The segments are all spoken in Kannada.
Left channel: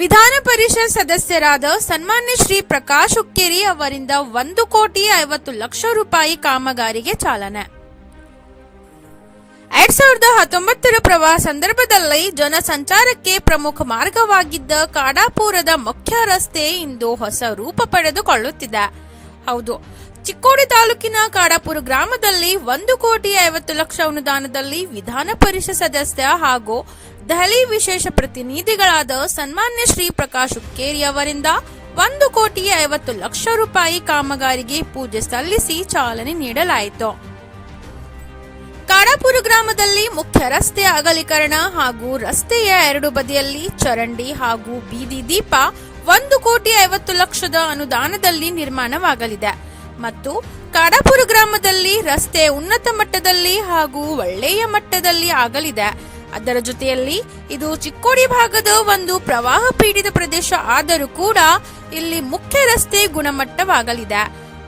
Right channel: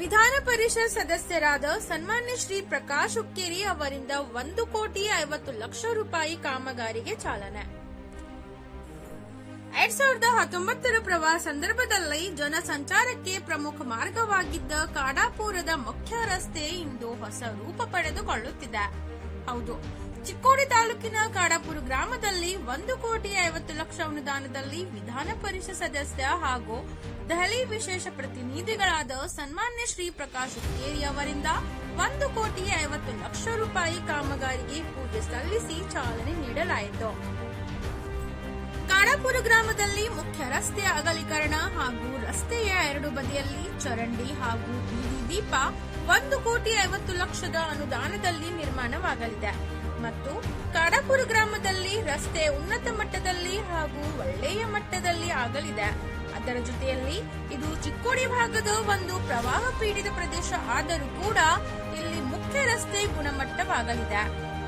ವಿಧಾನ ಪರಿಷತ್ ಸದಸ್ಯರಾದ ಸನ್ಮಾನ್ಯ ಶ್ರೀ ಪ್ರಕಾಶ್ ಹುಕ್ಕೇರಿ ಅವರಿಂದ ಒಂದು ಕೋಟಿ ಐವತ್ತು ಲಕ್ಷ ರೂಪಾಯಿ ಕಾಮಗಾರಿಗೆ ಚಾಲನೆ. ಎರಡ್ ಸಾವಿರದ ಹತ್ತೊಂಬತ್ತರ ಪ್ರವಾಹ ಸಂದರ್ಭದಲ್ಲಿ ಜನಸಂಚಾರಕ್ಕೆ ಪ್ರಮುಖ ಮಾರ್ಗವಾಗಿದ್ದ ಕಾಡಾಪುರದ ಮುಖ್ಯ ರಸ್ತೆ ಇಂದು ಹೊಸ ರೂಪ ಪಡೆದುಕೊಳ್ಳುತ್ತಿದೆ. ಹೌದು. ಚಿಕ್ಕೋಡಿ ತಾಲೂಕಿನ ಕಾಡಾಪುರ ಗ್ರಾಮದಲ್ಲಿ ಒಂದು ಕೋಟಿ ಐವತ್ತು ಲಕ್ಷ ಅನುದಾನದಲ್ಲಿ ವಿಧಾನ ಪರಿಷತ್ ಸದಸ್ಯ ಹಾಗೂ ದೆಹಲಿ ವಿಶೇಷ ಪ್ರತಿನಿಧಿಗಳಾದ ಸನ್ಮಾನ್ಯ ಶ್ರೀ ಪ್ರಕಾಶ್ ಹುಕ್ಕೇರಿ ಅವರಿಂದ ಒಂದು ಕೋಟಿ ಐವತ್ತು ಲಕ್ಷ ರೂಪಾಯಿ ಕಾಮಗಾರಿಗೆ ಪೂಜೆ ಸಲ್ಲಿಸಿ ಚಾಲನೆ ನೀಡಲಾಯಿತು. ಕಾಡಾಪುರ ಗ್ರಾಮದಲ್ಲಿ ಮುಖ್ಯ ರಸ್ತೆ ಅಗಲೀಕರಣ ಹಾಗೂ ರಸ್ತೆಯ ಎರಡು ಬದಿಯಲ್ಲಿ ಚರಂಡಿ ಹಾಗೂ ಬೀದಿ ದೀಪ ಒಂದು ಕೋಟಿ ಐವತ್ತು ಲಕ್ಷದ ಅನುದಾನದಲ್ಲಿ ನಿರ್ಮಾಣವಾಗಲಿದೆ. ಮತ್ತು ಕಾಡಾಪುರ ಗ್ರಾಮದಲ್ಲಿ ರಸ್ತೆ ಉನ್ನತ ಮಟ್ಟದಲ್ಲಿ ಹಾಗೂ ಒಳ್ಳೆಯ ಮಟ್ಟದಲ್ಲಿ ಆಗಲಿದೆ. ಅದರ ಜೊತೆಯಲ್ಲಿ ಇದು ಚಿಕ್ಕೋಡಿ ಭಾಗದ ಒಂದು ಪ್ರವಾಹ ಪೀಡಿತ ಪ್ರದೇಶ ಆದರೂ ಕೂಡ ಇಲ್ಲಿ ಮುಖ್ಯ ರಸ್ತೆ ಗುಣಮಟ್ಟವಾಗಲಿದೆ.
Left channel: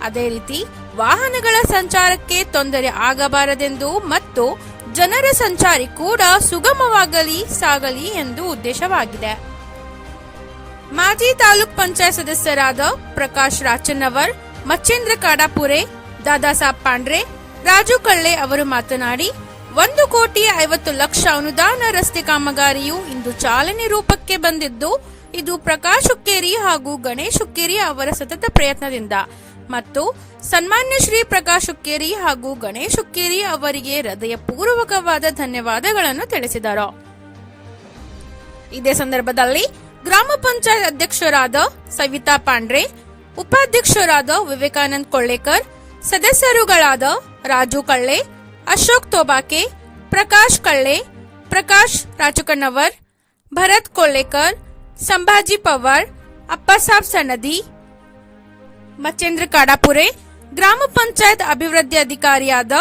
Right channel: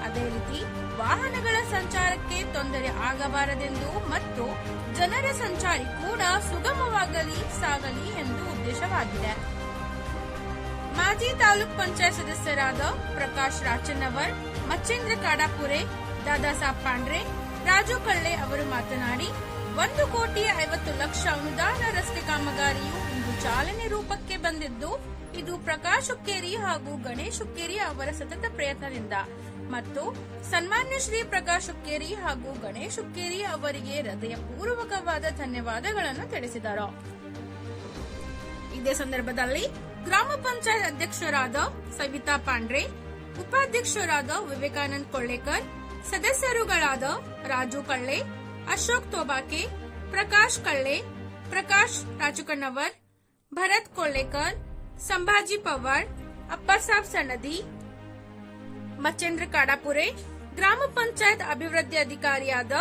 ಅದೇ ರೀತಿ ವಾಹನಗಳ ಸಂಚಾರಕ್ಕೆ ತೊಂದರೆ ಆಗಬಾರದೆಂದು ಮತ್ತು ಜನರ ಸಂಚಾರಿ ಕೂಡ ಸುಗಮವಾಗಲಿ, ಸಾಗಲಿ ಎಂದು ಉದ್ದೇಶವಾಗಿದೆ. ಮಾಜಿ ತಾಲೂಕ್ ಪಂಚಾಯತ್ ಸದಸ್ಯರಾದ ಪ್ರಕಾಶ್ ರಾಚನ್ನವರ್, ಮಚ್ಚೇಂದ್ರ ಕಾಡಾಪುರೆ, ದಾದಾಸಾಬ್ ಪಾಂಡ್ರೆ, ರಾಜು ಕಳ್ಳೆ ಅವರು ಮಾತನಾಡಿ, ಒಂದು ಕೋಟಿ ಐವತ್ತು ಲಕ್ಷ ಅನುದಾನ ರಸ್ತೆ ಕಾಮಗಾರಿಯು ಇಂದು ಚಾಲನೆ ರೂಪಕ್ಕೆ ಬಂದಿದ್ದು, ಇದು ಪ್ರಕಾಶ್ ಹುಕ್ಕೇರಿ ಹಾಗೂ ಗಣೇಶ್ ಹುಕ್ಕೇರಿ ಅವರ ಸತತ ಪ್ರಯತ್ನದಿಂದ ಮತ್ತು ಸನ್ಮಾನ್ಯ ಶ್ರೀ ಪ್ರಕಾಶ್ ಹುಕ್ಕೇರಿ ಹಾಗೂ ಗಣೇಶ್ ಹುಕ್ಕೇರಿ ಅವರಿಗೆ ಹೃದಯಪೂರ್ವಕವಾದ ಧನ್ಯವಾದಗಳನ್ನು ತಿಳಿಸಿದರು. ಇದೇ ಸಂದರ್ಭದಲ್ಲಿ ಗ್ರಾಮ ಪಂಚಾಯತ್ ಅಧ್ಯಕ್ಷರಾದ ಸವಿತಾ ಪಾಂಡ್ರೆ, ಉಪಾಧ್ಯಕ್ಷರಾದ ವಿವೇಕಾನಂದ ಕೊಳ್ಳೇಕರ್, ಸದಸ್ಯರುಗಳಾದ ರಾಜು ಕಳ್ಳೆ, ಅಶೋಕ್ ತೋಬಾಕೆ, ಪ್ರಕಾಶ್ ಕಳ್ಳೆ, ಪ್ರಕಾಶ್ ರಾಜಕಣ್ಣವರ್, ಭರತ್ ಕೊಳ್ಳೇಕರ್, ಸಂಭಾಜಿ ಪವಾರ್, ಅಪ್ಪಸಾಬ್ ಸನದಿ ಮಚೇಂದ್ರ ಕಾಡಾಪುರೆ, ಗ್ರಾಮ ಪಂಚಾಯತ್ ಅಭಿವೃದ್ಧಿ ಅಧಿಕಾರಿಯಾದ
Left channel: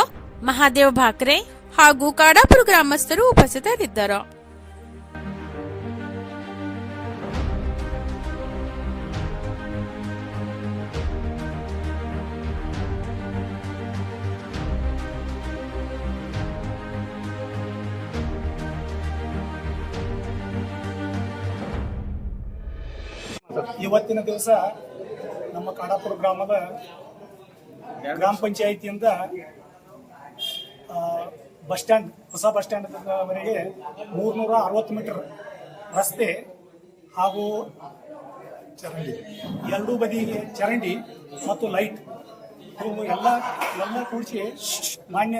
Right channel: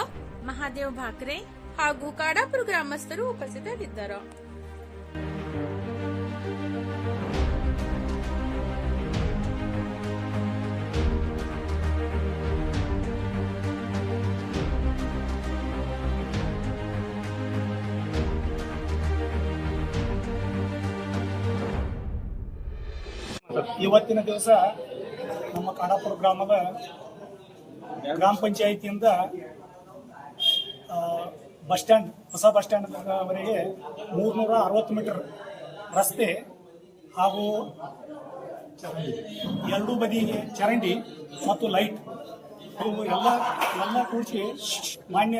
ಮಹಾದೇವ್ ಭಾಕ್ರೆ ಹಾಗೂ ಕಾಡಾಪುರ ಗ್ರಾಮಸ್ಥರು ಉಪಸ್ಥಿತರಿದ್ದರು. ಇವತ್ತಿನ ದಿವಸ ನಮ್ಮ ಕಾಡಾಪುರ ಗ್ರಾಮದ ಗ್ರಾಮ ಪಂಚಾಯಿತಿಯಿಂದ ಬಸ್ ಸ್ಟ್ಯಾಂಡ್, ಹೊಸ ಬಸ್ ಸ್ಟ್ಯಾಂಡ್ವರೆಗೆ ಮೂರ್ನೂರ ಅರವತ್ತು ಮೀಟರ್ ರಸ್ತೆ ಹಾಗೂ ಎರಡೂ ಬದಿಗೆ ಚರಂಡಿ ಮತ್ತು ಲೈಟ್ ಇವು ಎಲ್ಲ ಎಲ್ಲ ಕೂಡಿಸಿ ಮಾನ್ಯ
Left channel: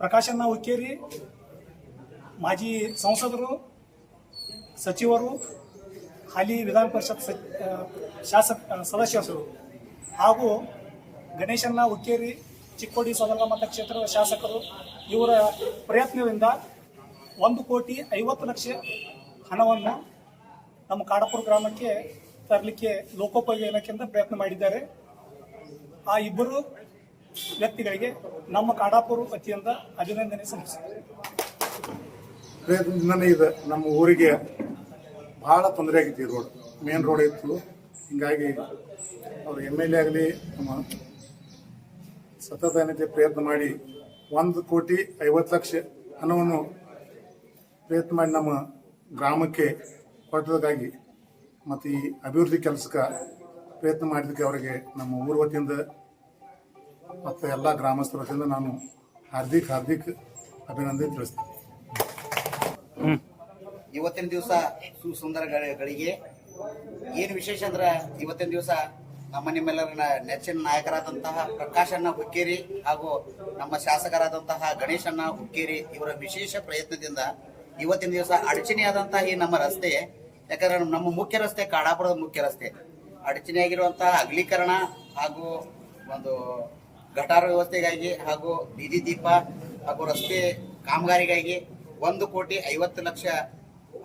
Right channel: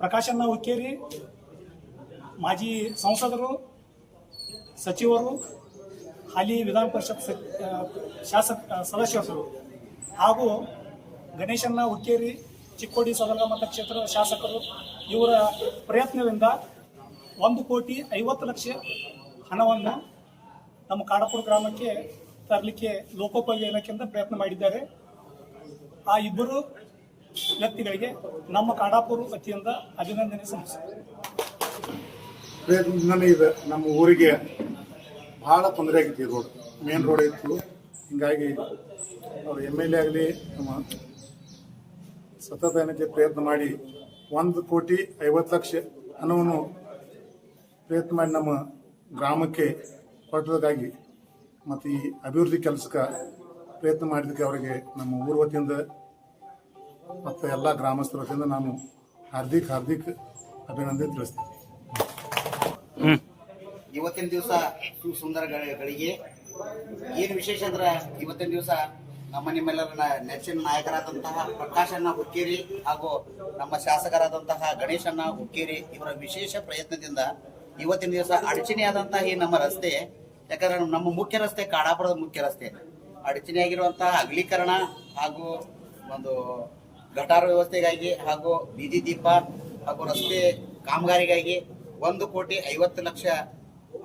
ಪ್ರಕಾಶನ್ನ ಹುಕ್ಕೇರಿ, ಮಾಜಿ ಸಂಸದರು, ಸಚಿವರು ಹಾಲಿ ವಿಧಾನ ಪರಿಷತ್ ಶಾಸಕ ಸದಸ್ಯರು ಹಾಗೂ ಗಣೇಶನ ಹುಕ್ಕೇರಿ, ಚಿಕ್ಕೋಡಿ ಸದರ್ಗ ಮತಕ್ಷೇತ್ರದ ಶಾಸಕರು ಇವರ ಪ್ರಯತ್ನದಿಂದ ಒಂದು ಕೋಟಿ ಐವತ್ತು ಲಕ್ಷ ಹಣವನ್ನು ನಮ್ಮ ಕಾಡಪುರ ಗ್ರಾಮಕ್ಕೆ ತರಲಿಕ್ಕೆ ಲೋಕೋಪಯೋಗಿ ಇಲಾಖೆಯಿಂದ ಪ್ರಯತ್ನ ಮಾಡಿದ್ದಾರೆ. ಆ ಇಬ್ಬರು ವ್ಯಕ್ತಿಗಳಿಗೆ ನಮ್ಮ ಕಾಡಾಪುರ ವತಿಯಿಂದ ಅಭಿನಂದನೆ ಸಲ್ಲಿಸಿದೆ ನಮ್ಮ ಊರಿಗೆ ಭಾಳ ತೊಂದರೆ ಆಗಿತ್ತು ಈ ರೋಡ್. ಮೇನ್ ರೋಡ್ ಇತ್ತು. ಹಿಂಗಾಗಿ ಅವರು ಎಂ ಎಲ್ ಎ ಆಗಲಿ, ನಮ್ಮ ಸತತ ಏನೈತೆ ಪ್ರಯತ್ನ ಮಾಡಿ ಒಂದು ಕೋಟಿ ಐವತ್ತು ಲಕ್ಷ ಹಣವನ್ನು ಪ್ರಯತ್ನ ಮಾಡಿ ನಮ್ಮ ಗ್ರಾಮಕ್ಕೆ ಕೊಟ್ಟದಕ್ಕಾಗಿ ಮತ್ತು ಈ ಅಭಿವೃದ್ಧಿ ಕೆಲಸಕ್ಕೆ ಪ್ರಯತ್ನ ಮಾಡಿದ್ದಕ್ಕೆ ಅವರಿಗೆ ನಮ್ಮ ಊರ ವತಿಯಿಂದ ಮತ್ತು ಎಲ್ಲ ಗ್ರಾಮಸ್ಥರ ವತಿಯಿಂದ ನಾನು ಹಾರ್ದಿಕ್ ಹಾರ್ದಿಕ್ ಅಭಿನಂದನೆ ತಿಳಿಸ್ತೀನಿ. ಇವತ್ತಿನ ದಿವಸ ಸುಸುಂದರ ಗಳ- ಗಳಿಗೆ ಏನು ವಿಶೇಷ ಅಂದ್ರೆ ಇವತ್ತಿನ ದಿವಸ ನಮ್ಮ ನಿಮ್ಮೆಲ್ಲರ ನೆಚ್ಚಿನ ನಾಯಕರಾದಂತಹ ಪ್ರಕಾಶಣ್ಣ ಹುಕ್ಕೇರಿ ಹಾಗೂ ನಮ್ಮ ಶಾಸಕರಾದಂತಹ ಗಣೇಶಣ್ಣ ಹುಕ್ಕೇರಿ ಇವರ ವಿಶೇಷ ಪ್ರಯತ್ನದಿಂದ ಇವತ್ತಿನ ದಿವಸ ಅಡಚಣೆಯಾದಂತಹ ಈ ನಮ್ಮ ರಸ್ತೆ, ಯಾಕಂದ್ರೆ ನಮ್ಮ ಮುಖ್ಯ ರಸ್ತೆ ಕಾಡಾಪುರದ ಮುಖ್ಯ ರಸ್ತೆ. ಅಡಚಣೆಯಾಗಿರುವಂತಹ ಅಗಲೀಕರಣ ಹಾಗೂ ಒಂದು ಗಟಾರ ವ್ಯವಸ್ಥೆಗಾಗಿ ಹಾಗೂ ಬೀದಿ ದೀಪ ಹಾಗೂ ರಸ್ತೆ ಕಾಮಗಾರಿಗಾಗಿ ಒಂದು ಕೋಟಿ ಐವತ್ತು ಲಕ್ಷ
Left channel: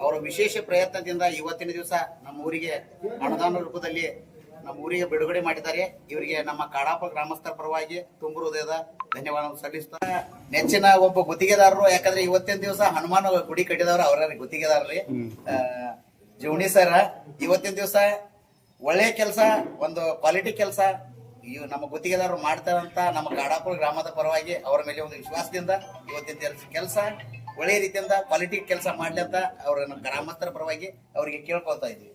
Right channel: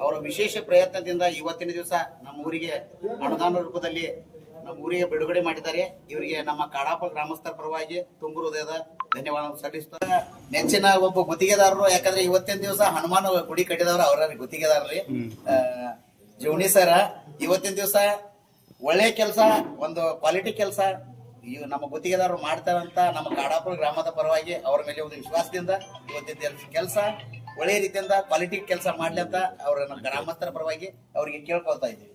ಅವರ ವಿಶೇಷ ಪ್ರಯತ್ನದಿಂದ ಇವತ್ತಿನ ದಿವಸ ನಮ್ಮ ಊರಿಗೆ ಅನುದಾನ ರೂಪದಲ್ಲಿ ನಮ್ಮ ಊರಿಗೆ ಬಿಡುಗಡೆ ಮಾಡಿದ್ದಾರೆ. ಇವರಿಗೆ ನಮ್ಮ ಕಾಡಾಪ ಗ್ರಾಮಸ್ಥರ ಪರವಾಗಿ ತುಂಬು ಹೃದಯದ ಧನ್ಯವಾದ ಸಲ್ಲಿಸ್ತಾರೆ ನೆಚ್ಚಿನ ಒಬ್ಬ ಗುತ್ತಿಗೆದಾರರು ಯಾಕಂದ್ರೆ ಇವತ್ತಿನ ದಿವಸ ಹನುಮಾನ ಗುಡಿ ಕಟ್ಟಿದವರು ಅವರ ಗುತ್ತಿಗೆದಾರರಿ ಜೋಣಿ ಸರ ಇವತ್ತಿನ ದಿವಸ ಒಳ್ಳೆ ಕೆಲಸ ಒಂದು ಕ್ವಾಲಿಟಿ ಕೆಲಸ ಇವ್ ನಮ್ಮ ಗುತ್ತಿಗೆದಾರರು ಮಾಡ್ತಾರಂತ ನಮ್ಮ ಕಾಡಾಪುರ ಗ್ರಾಮದ ಪರವಾಗಿ ಅವರ ಮೇಲೆ ಒಂದು ವಿಶ್ವಾಸದಿಂದ ಇವತ್ತಿನ ಕೆಲಸ. ಒಳ್ಳೆಯ ರೀತಿಯಿಂದ ಕ್ವಾಲಿಟಿ ಕೆಲಸ ಮಾಡ್ಲಿ ಅಂತ ಅವ್ರ ಗ್ರಾಮಸ್ಥರ ಪರವಾಗಿ ಅವರಿಗೆ ಕೇಳ್ಕೊಳ್ತಾ ಇದ್ದೀವಿ.